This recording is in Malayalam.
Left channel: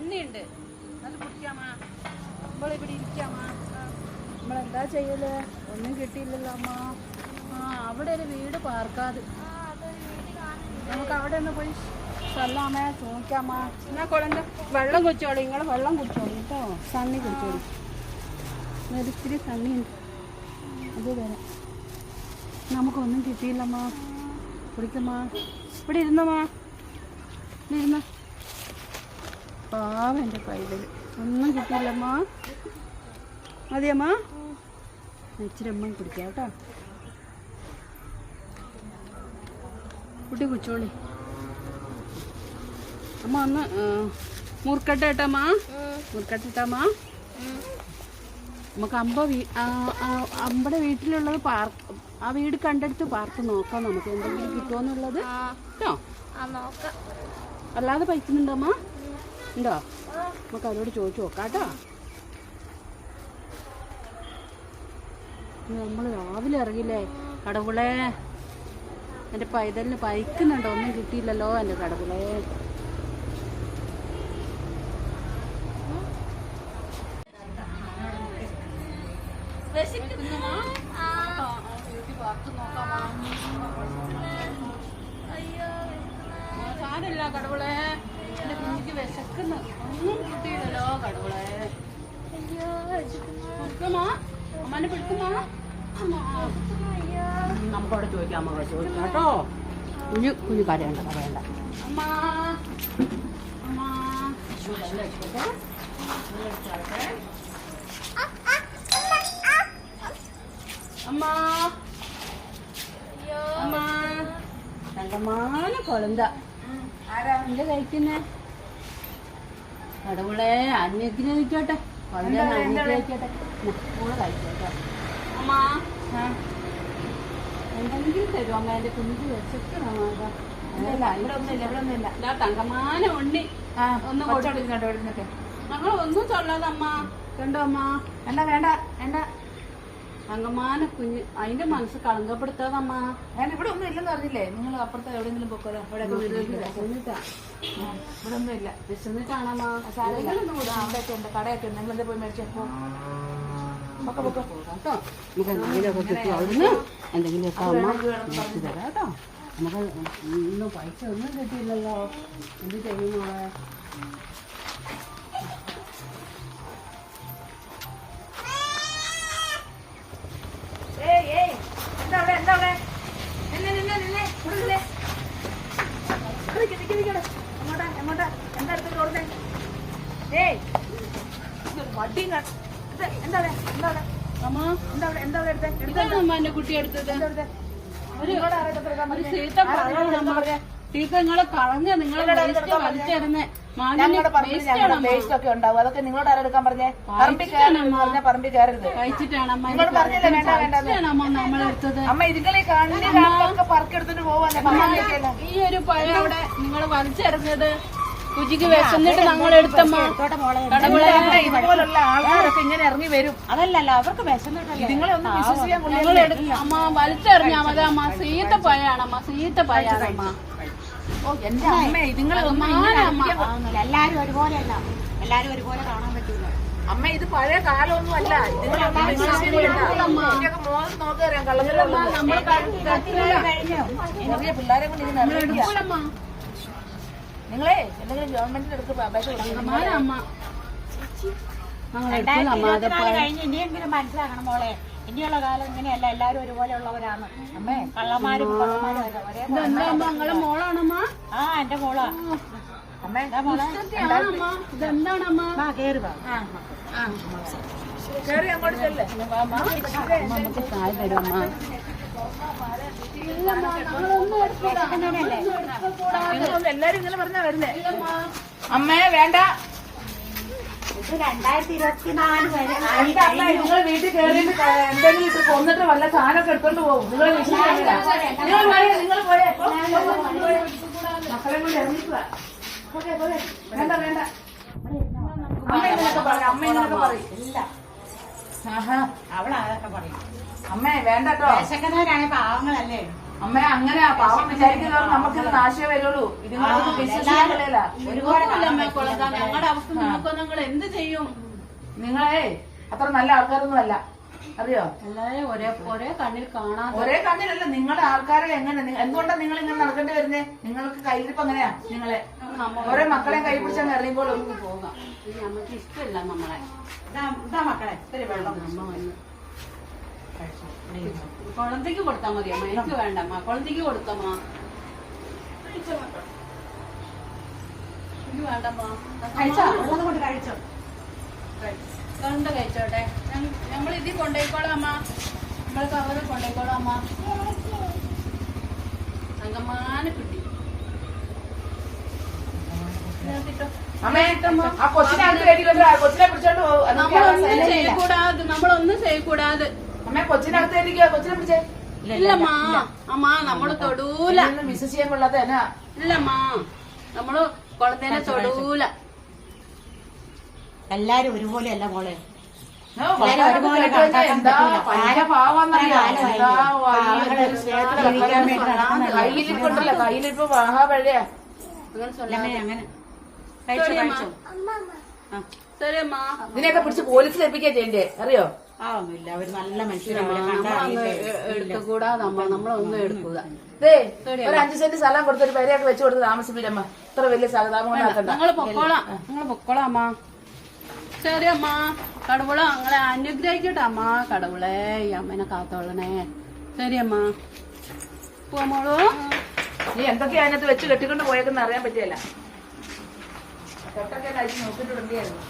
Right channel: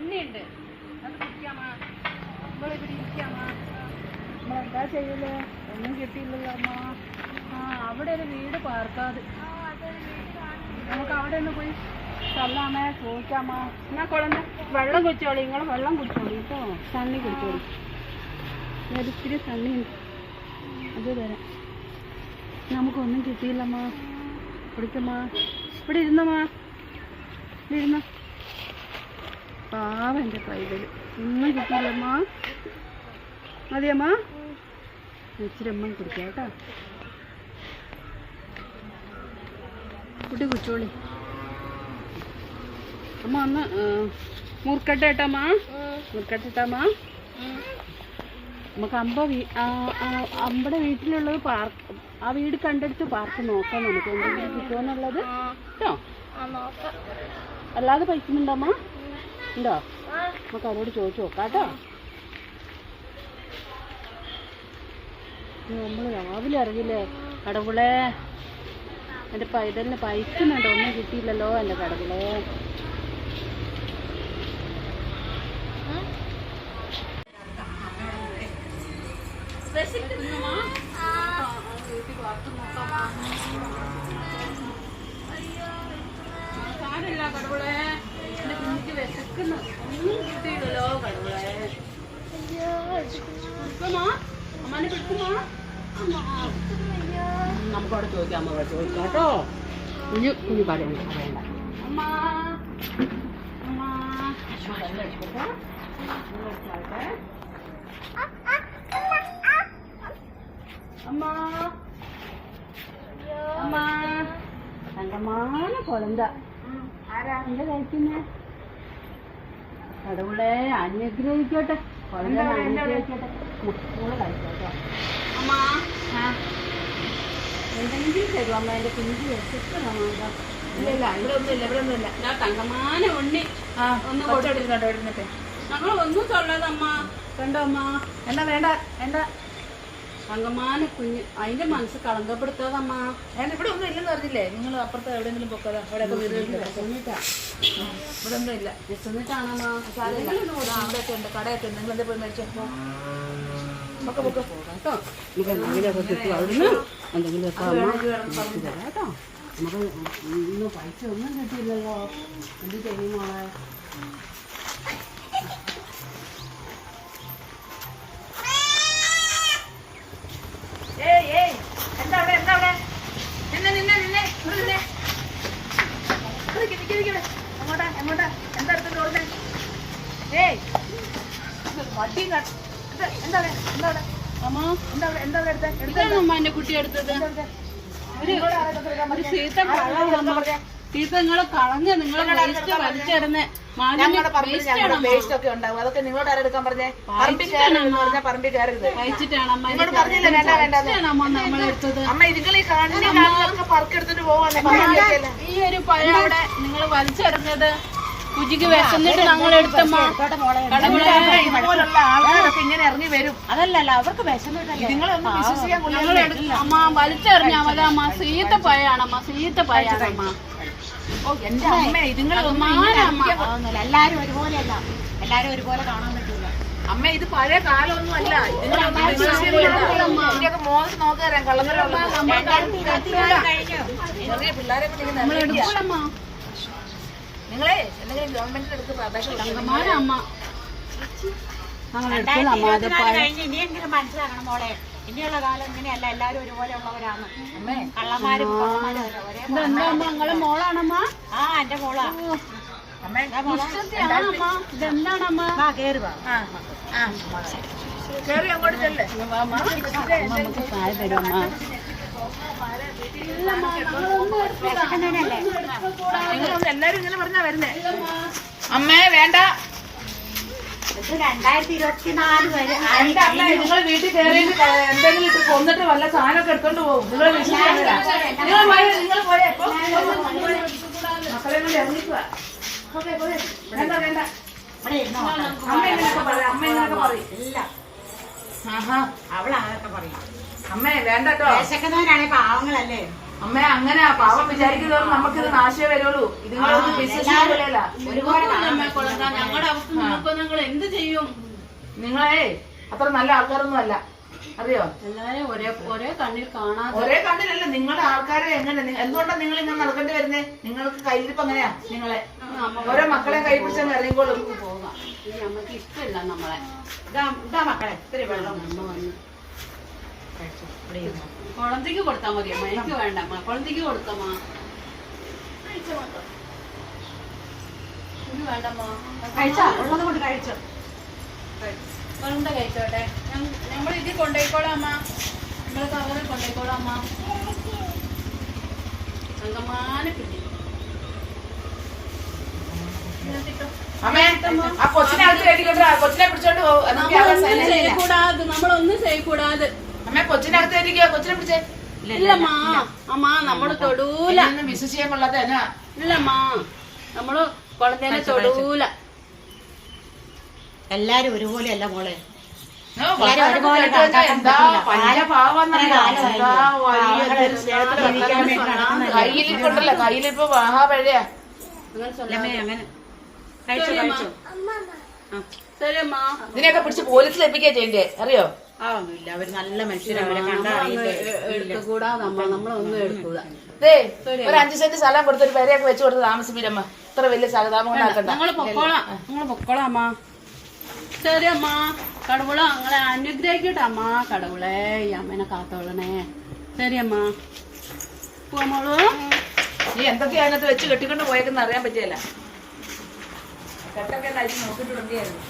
അത് കുടിക്കാമ നമ്മളിവിടെ ഇരിക്കാമ നമ്മളെന്താ ചെയ്യൽ? ഒന്നും കിട്ടിയില്ലല്ലോ അമ്മ. ആ അവിടെ ഒരു വീട് പാർക്കാതെ. നമുക്ക് അവിടെ ഒന്ന് പോയി ചല്ലാമേ ചോദിക്കാമാ എന്നാ കുളന്റെ വെള്ളം കുടിച്ചോളി. നിങ്ങൾ വെള്ളം കുടിച്ചോളി കേട്ടോ. സണ്ണി കുടിച്ചോളി. ഒരിത്തിരി സണ്ണി ഉണ്ട് അത് തരാം. നമുക്കൊന്നും കിട്ടിയില്ലമ്മ. കുടിക്കമ്മ. ഇവിടെ ഇരുന്നമ്മ. ഇവിടെ ഇരുന്നു. പാവം എന്റെ പൈതൽ ഒന്നും കിട്ടിയില്ലമ്മ. മതിയമ്മ. ഇച്ചിരി അമ്മ കുടിക്കാം കേട്ടോ. കുട്ടി കുച്ചോളി അമ്മ ഒന്ന് മുറുക്കട്ടെ ഏട്ടമ്മ മുറുക്കട്ടിട്ടമ്മ നമുക്ക് അമ്പ അമ്പടെ വീട്ടിലുള്ളത് പാർക്ക് ആ വീട് കണ്ടെടുത്ത് പാർക്ക് നോക്കാം നമുക്ക്. എന്തെങ്കിലും കിട്ടുമോന്നുള്ളത് കേട്ടോ? നോക്കാം. അല്ലാതെ പൈക്കുന്നുണ്ടോ അമ്മ? ഉണ്ടോ? നമുക്ക് അവരോട് ചോദിച്ചു നോക്കാം കേട്ടോ. നമ്മൾ രാവിലെ ഇറങ്ങില്ലേ കടവിളെ എന്റെ പൈതലിന് പൈക്കുന്നുണ്ടോ ഒന്നും കിട്ടിയില്ലല്ലോ എന്റെ കടവിളെ സാരമില്ല കടവുളെ എന്റെ കുഞ്ഞിക്ക് വിശക്കുന്നത് ഒന്നും കിട്ടിയില്ലല്ലോ കടവുളെ അമ്മനെ പിടിക്കുമോ? നമുക്കവിടെ ചോദിക്കാം അമ്മ ചോദിക്കാം കേട്ടോ. കുഞ്ഞു കുഞ്ഞു പറയണ്ട പറയണ്ട. അമ്മ. അമ്മ. അമ്മ വെള്ളം എടുക്കട്ടെ വെള്ളം അമ്മ. അമ്മ. കണ്ടമാന കൊളന്ത എന്റെ കഴിക്കുന്നേ? കടവുളെ അനുഗ്രഹിക്കട്ടെ മുട്ടൂടെ കഴിച്ചോട്ടോ. അമ്മ? എന്തെങ്കിലും തരും അമ്മ എന്റെ കുഞ്ഞു തങ്കമാന ഉണ്ണി. ഒന്ന് കൊടുത്തിരുന്നോട്ടെ ഞങ്ങൾ ഒന്നും തൊള്ളതമ്മ വേണ്ട അമ്മ. എന്താ വേണ്ട? എന്താ? തങ്കമാന കുഞ്ഞ് അതിന്റെ മനസ്സ് കളങ്കപ്പെടുത്താതമ്മ. ഞാൻ ഇവിടെ ഒന്നും ഇല്ലെന്ന് പറഞ്ഞില്ലേ നിങ്ങൾ അപ്പുറത്ത് എവിടെയെങ്കിലും പൊക്കതാ അവിടെ ഇവിടെ ഒന്നും ഇല്ല. വിശന്നിട്ടാണമ്മ സാധനങ്ങൾ ഒന്നും കൂടാ അവിടെയൊക്കെ ഉണ്ട്. കടയൊക്കെ ഉണ്ട്. നിങ്ങൾ പോയി മേടിച്ചു? ഒക്കെ പൊക്കെ പോകാം കേട്ടോ. നമുക്ക് എന്തെങ്കിലുമൊക്കെ കിട്ടും. അവിടുന്ന് എന്തെങ്കിലുമൊക്കെ അമ്മ നോക്കി തരാം കേട്ടോ. നമുക്ക് ഇന്ന് പൈസ ഒന്നും കിട്ടിയില്ലല്ലോ. എന്ത് ചെയ്യും ഇതാണ് അമ്മ എന്റെ കുട്ടി എടുത്തത്. ഒരു? സീത്ത സീത്ത നിങ്ങളെ കളഞ്ഞ? നിങ്ങളെ വലിച്ചെറിഞ്ഞ ഞങ്ങളുടെ ഒക്കെ ഉണ്ടാവും. അതൊക്കെ നിങ്ങളോട് ആരെടുക്കാൻ പറഞ്ഞേ? പറമ്പിൽ കയറരുത് പറമ്പിൽ കയറരുത്. നിങ്ങളോട് പറഞ്ഞില്ലേ വേണ്ട വേണ്ട കഴിച്ചിട്ടാണ് അമ്മ ഈ കണ്ണി കാണുന്നതൊക്കെ പറക്കെടുത്തിട്ട് പോവാല്ലേ? ഈ ഒരു പഴം അവിടെ നിങ്ങൾ വലിച്ചെറിഞ്ഞത് കുജിക്ക് വിശന്നിട്ട് ഞങ്ങൾ എടുത്തമ്മ ഇതുപോലുള്ള ആൾക്കാരൊക്കെ ഇങ്ങനെ ഇറങ്ങി വരും. അതല്ലല്ല അവർക്ക് വിശന്നിട്ടല്ലേ? നിങ്ങളെ ഒന്നും വിശ്വസിക്കാൻ കൊള്ളില്ല അമ്മ വലിച്ചെറിഞ്ഞ മതി അമ്മ സീത്ത പഴയാണമ്മ സീത്ത പഴയാണമ്മ ഓ എന്റെ അമ്മ ഇതുങ്ങളെ ഒന്നും ഇങ്ങനെ അറിയിക്കാൻ കൊ- അതൊന്നുമില്ല എല്ലാരും ഒരുപോലെയല്ല. എല്ലാരും ഒരുപോലെ കാണാൻ പറ്റൂല. അമ്മ ഇത് പഴയ കാലമൊന്നും അല്ല. ഇതുങ്ങളൊന്നും ഇതിന്റെയൊക്കെ മോഹൻ നോക്കി തരാം ചെറിയ പിള്ളേരെ കൊണ്ട്. എടുക്കൂലമ്മ നിങ്ങളെ എന്തെങ്കിലും ഗവൺമെന്റിൽ അടുത്ത് അപേക്ഷ കഴിഞ്ഞ് ഇനിയെങ്കിലും മനസ്സിലാക്കണം മോളെ. ഇനിയുള്ള കാലം ഇങ്ങനെയല്ല എല്ലാവരും ഒരുപോലെ ഉള്ളവരാണ്. അമ്മേ. കള്ളമാരും നിങ്ങളെ മോളാണമ്മ? ആ എന്റെ മോളാ. അമ്മേ ഇതെന്താണമ്മ? കേറി വാ. കയറി അങ്ങോട്ട് നമുക്ക് ചായ തരുമമ്മ. എല്ലാരും ഇങ്ങനെ പറഞ്ഞാ വരുന്നേ അമ്മേ വേണ്ട നിങ്ങൾ വീട്ടിൽ കയറിയിട്ട് എന്തെങ്കിലും ഇട്ട് കൊന്നിട്ട് വല്ല സാധനമൊക്കെ എടുത്തോണ്ട് പോകും. നിങ്ങൾ നിങ്ങൾ പോയേ നിങ്ങൾ പോയേ ഇപ്പൊ. മക്കളെ കൊണ്ട് ഇറങ്ങിക്കുക പോകെ, പോകെ. വേണ്ട വേണ്ട. അമ്മ പറയും അമ്മ ഇങ്ങനെയൊക്കെ പറയും. ഇല്ല. ആഹാ അവൾ അതൊക്കെ പറയും. അമ്മേ വേണ്ടട്ടോ വിശക്കുന്നവരാണെ പാവങ്ങളല്ലേ? അമ്മ അങ്ങനെ പാവം വിചാരിക്കുന്നവർ നമുക്ക് നാശേ വരുള്ളൂ. ഇതുങ്ങളൊന്നും വിശ്വസിക്കില്ല ഞങ്ങളുടെ അവസ്ഥ നോക്കുമ്പോൾ നിങ്ങൾ എന്ത് ചെയ്യും? നിങ്ങളെ അത്ര നല്ല ആൾക്കാരൊന്നും അല്ല. അറിയോ എല്ലാരും ഒരേ ഒരേ കണ്ണിൽ കാണാതെ ഒരേ കണ്ണിലല്ല നിങ്ങളുടെ ആൾക്കാരെ എങ്ങനെ എന്തുകൊണ്ടാണ് നിങ്ങൾ ഇങ്ങനെ നടക്കേണ്ടി വരുന്നേ? നിങ്ങൾക്ക് കയ്യിരിപ്പ് എങ്ങനെയാ നിങ്ങളെ? ഓരോ മക്കളെ കൈ പിടിച്ചങ്ങ് ഇറങ്ങിക്കോളും പോകാം ഇനി നമുക്ക് ഇഷ്ടമില്ല നമ്മളെ. ഇതാ ഇതാ മക്കളെ ഇത്തിരി വെള്ളം. അമ്മ വന്ന്. കൊടുത്താൽ മതി അമ്മ എനിക്ക് വേണ്ട അമ്മ. കുളത്തേക്ക് കൊടുക്കമ്മ എനിക്ക് വേണ്ടമ്മ കഴിച്ചോ? ഉള്ളത് കൊണ്ട് കഴിച്ചോ. കഴിച്ചോട്ടെ. നമ്മൾ ഇതിൽ കൊണ്ടുപോയിക്കോളാം അമ്മ. നമ്മൾ കവറിൽ കൊണ്ടുപോയിക്കോളാം അമ്മ. പിടി. പിടിച്ചേ. അമ്മാ നമ്മൾ തൊടൂല. നമ്മൾ തൊടൂല. എല്ലാരും ഒരുപോലെയല്ല മോളെ. ഇതിനെയൊക്കെ പിടിച്ച് പോലീസിൽ എത്തിക്കാ ചെയ്യണ്ടേ? അറിയോ? ഒരു അഞ്ചു സെന്റ് സ്ഥലം കൊടുത്തൊരു പേരെയൊക്കെ വെച്ച് കൊടുത്ത് താമസിപ്പിരമ്മ. ഇത്ര വലിയ സ്ഥലം താമസം ഞങ്ങൾ പൊക്കോളാം. ഞങ്ങൾ പൊക്കോളാം അമ്മ. ശരി അമ്മ. കടവുള ഞങ്ങളെ അനുഗ്രഹിക്കട്ടെ അമ്മ കടവുളെ ഈ അമ്മേനെ കാത്തോളണേ. ശരി അമ്മ. പോമോളൂ നീ എന്തൊക്കെയാ അതിനകത്ത് വെച്ച് കെട്ടിക്കൊണ്ട് പോയേക്കെന്ന് അറിയാൻ പറ്റിയല്ല. കെട്ടൊക്കെ കഴിച്ച് വണ്ടിയായിരുന്നു